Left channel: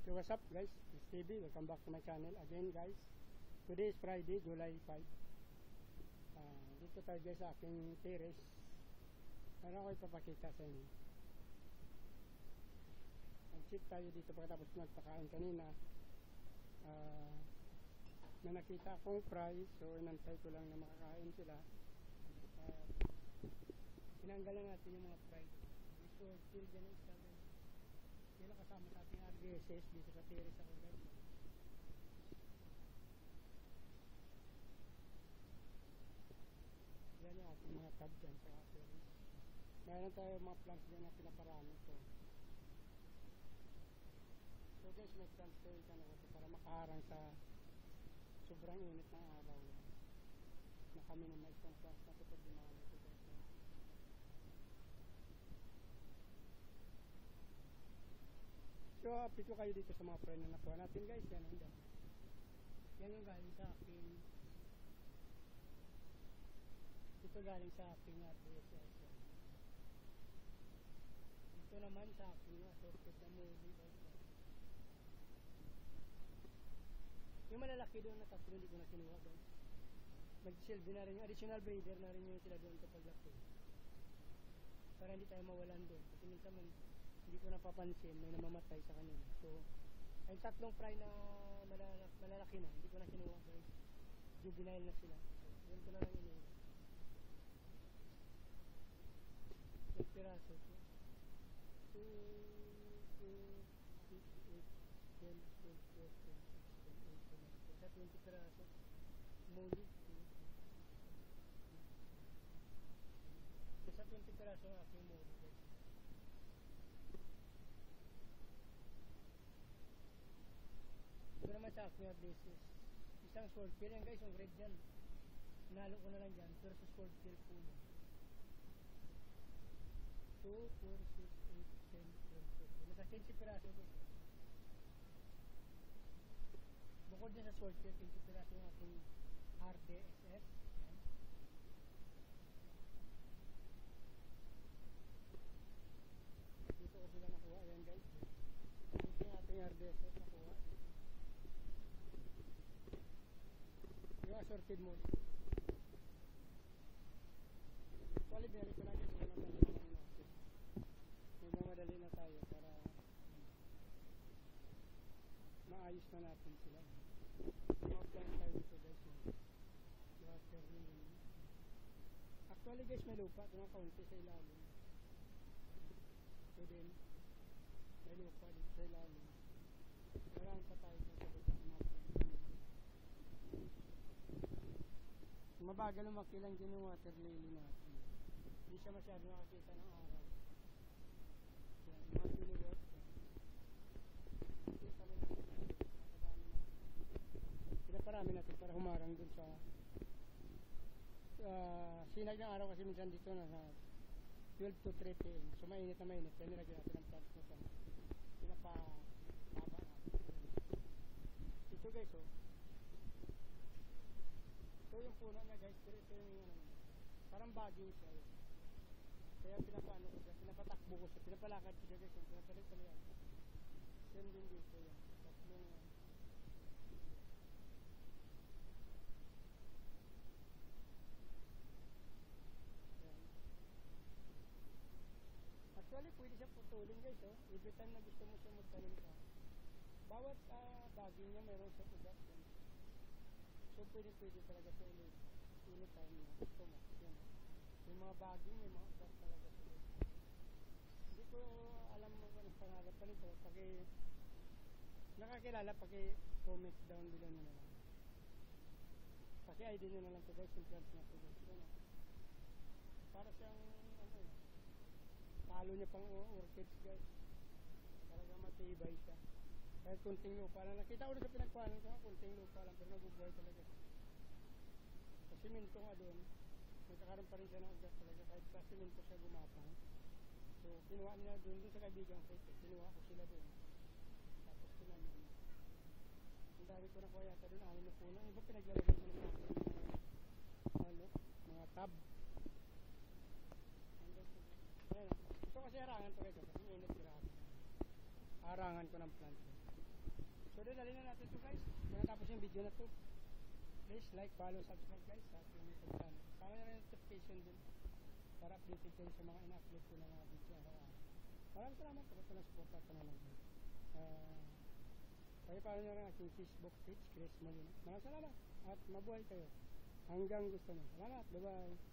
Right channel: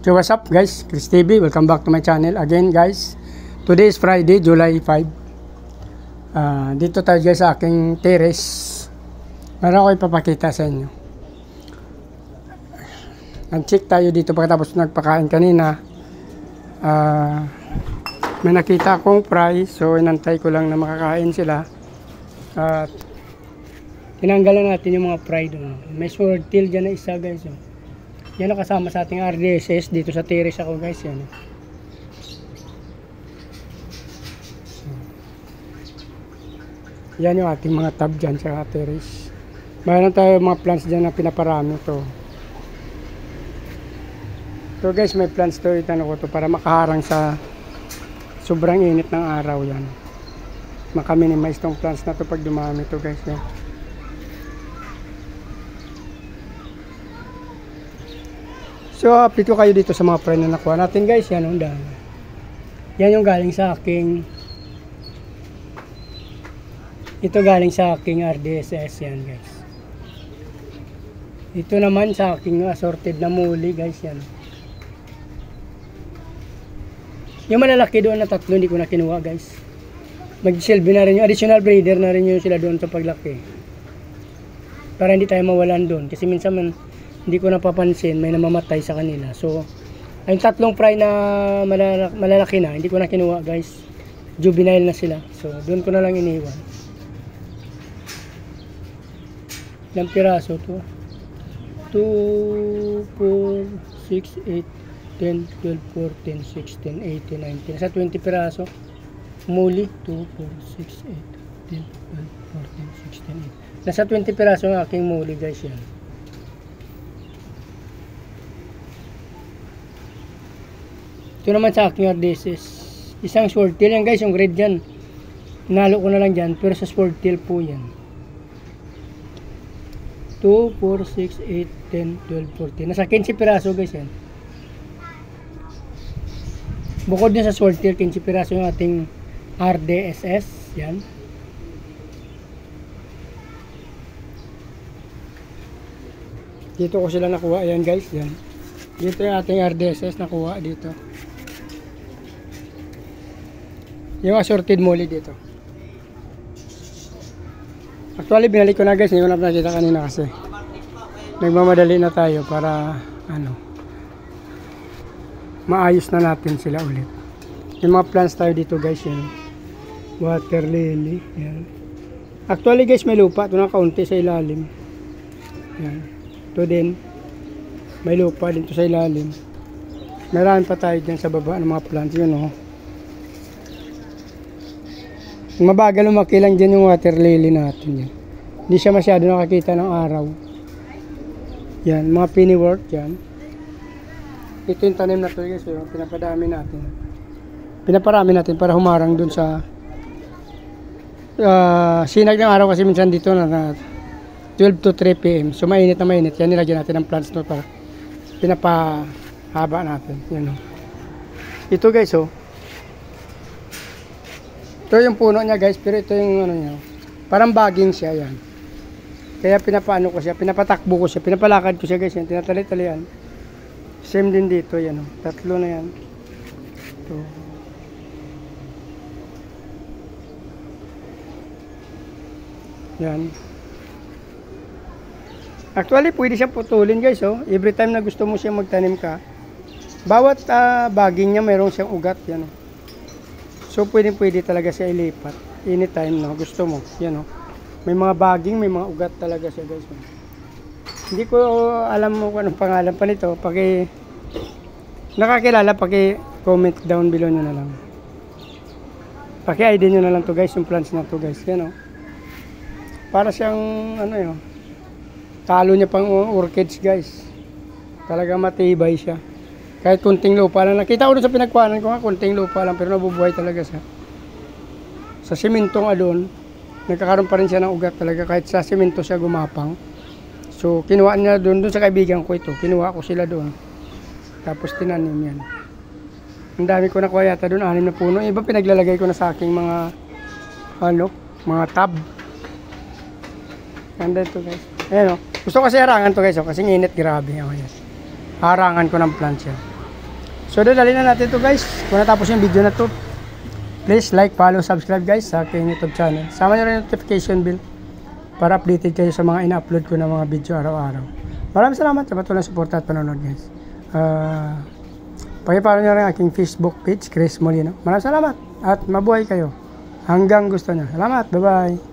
So what's up guys, Chris TV, welcome back to my channel again guys. Today is Friday, July 5. Dito tayo guys sa aking terrace. Meron ako ipapakita sa inyo. Nag-check tayo dito pagkatapos nagpakain kanina. May nakita akong fry, so inantay ko lang na makakain sila. At tinanggalan natin yung mga fry doon. May swordtail dyan na isa guys. Yan ang kasama sa ating RDSS dito sa terrace ako guys. Yan. Yan yung ating mga tab dyan sa terrace. Mayroon tayo mga plants dyan na pinaparami to. So guys, may plants to, itanong ko to para makaharang sa sobrang init ng araw yan. Maka-minimize tong plants na to pag dumami to guys. Yan. So update ko kayo dito sa mga friend na nakuha natin guys. Yan ang dami. Yan yung galing sa aking, ito galing sa aking RDSS yan guys. Ito naman sa aking assorted na muli guys yan. Yung malalaki doon na tatlo hindi ko na kinuha guys. Mag-silbi na rin yung additional breeder na rin yung sila doon sa paglaki. Para hindi tayo mawalan doon. Kasi minsan hindi ko napapansin may namamatay sa kanila. So yung tatlong fry na malalaki na hindi ko na kinuha guys. Juvenile na sila. So doon ko na lang iniwan. Ilang piraso to? 2, 4, 6, 8, 10, 12, 14, 16, 18, 19. Nasa 20 piraso. Muli. 2, 4, 6, 8, 10, 12, 14, 16, 18. Nasa 20 piraso ang aking muli guys yan. Ito naman sa aking RDSS. Isang swordtail yan guys, yung grade yan. Nalo ko na lang dyan, pero sa swordtail po yan. 2, 4, 6, 8, 10, 12, 14. Nasa 15 piraso guys yan. Bukod din sa swordtail, 15 piraso yung ating RDSS. Yan. Dito ko sila nakuha. Ayan guys. Yan. Dito yung ating RDSS nakuha dito. Yung assorted muli dito. Actually binalik ko na guys, hindi ko na nakita kanina kasi nagmamadali na tayo para maayos na natin sila ulit. Yung mga plants tayo dito guys, yan. Water lily, yan. Actually guys, may lupa ito na kaunti sa ilalim. Yan. Ito din may lupa dito sa ilalim. Meron pa tayo dyan sa baba ng mga plants, yun oh. Mabagal lumaki lang dyan yung water lily natin yan. Hindi siya masyado nakakita ng araw. Yan, mga pennyworth yan. Ito yung tanim na to guys, yung pinapadami natin. Pinaparami natin para humarang dun sa sinag ng araw kasi minsan dito na 12 to 3 PM. So mainit na mainit. Yan, nilagyan natin ng plants to para pinapahaba natin. Yan o. Ito guys oh. Ito yung puno niya guys, pero ito yung niya. Parang baging siya yan. Kaya pinapaano ko siya, pinapatakbo ko siya, pinapalakad ko siya guys yan, tinatali-tali yan. Same din dito yan, tatlo na yan. Ito. Yan. Actually, pwede siya putulin guys oh. Every time na gusto mo siya magtanim ka, bawat baging niya mayroong siyang ugat yan oh. So pwede talaga siya ilipat anytime no gusto mo. Yan oh. May mga baging, may mga ugat talaga siya guys. Hindi ko alam mo kung anong pangalan pa nito. Nakakilala, comment down below nyo na lang. Paki-ID nyo na lang to guys, yung plants na to guys. Yan oh. Para siyang yun. Talo niya pang orchids guys. Talaga matibay siya. Kahit kunting lupa lang. Nakita ko doon sa pinagkuhanan ko nga, kunting lupa lang. Pero nabubuhay talaga siya. Sa simintong adon, nagkakaroon pa rin siya ng ugat talaga. Kahit sa simento siya gumapang. So, kinuha niya doon sa kaibigan ko ito. Kinuha ko sila doon. Tapos tinanim yan. Ang dami ko nakuha yata doon. 6 na puno. Iba pinaglalagay ko na sa aking mga mga tab. Ganda ito guys. Ayan o. Gusto ko kasi harangan to guys. Kasi init grabe. Harangan ko ng plants yan. So dali na natin to guys. Kung natapos yung video na to, please like, follow, subscribe guys sa aking YouTube channel. Sama nyo rin yung notification bell para updated kayo sa mga ina-upload ko na mga video araw-araw. Maraming salamat sa patuloy na suporta at panonood guys. Pakipollow nyo rin ang aking Facebook page, Chris Molino. Maraming salamat at mabuhay kayo hanggang gusto nyo. Salamat, bye-bye.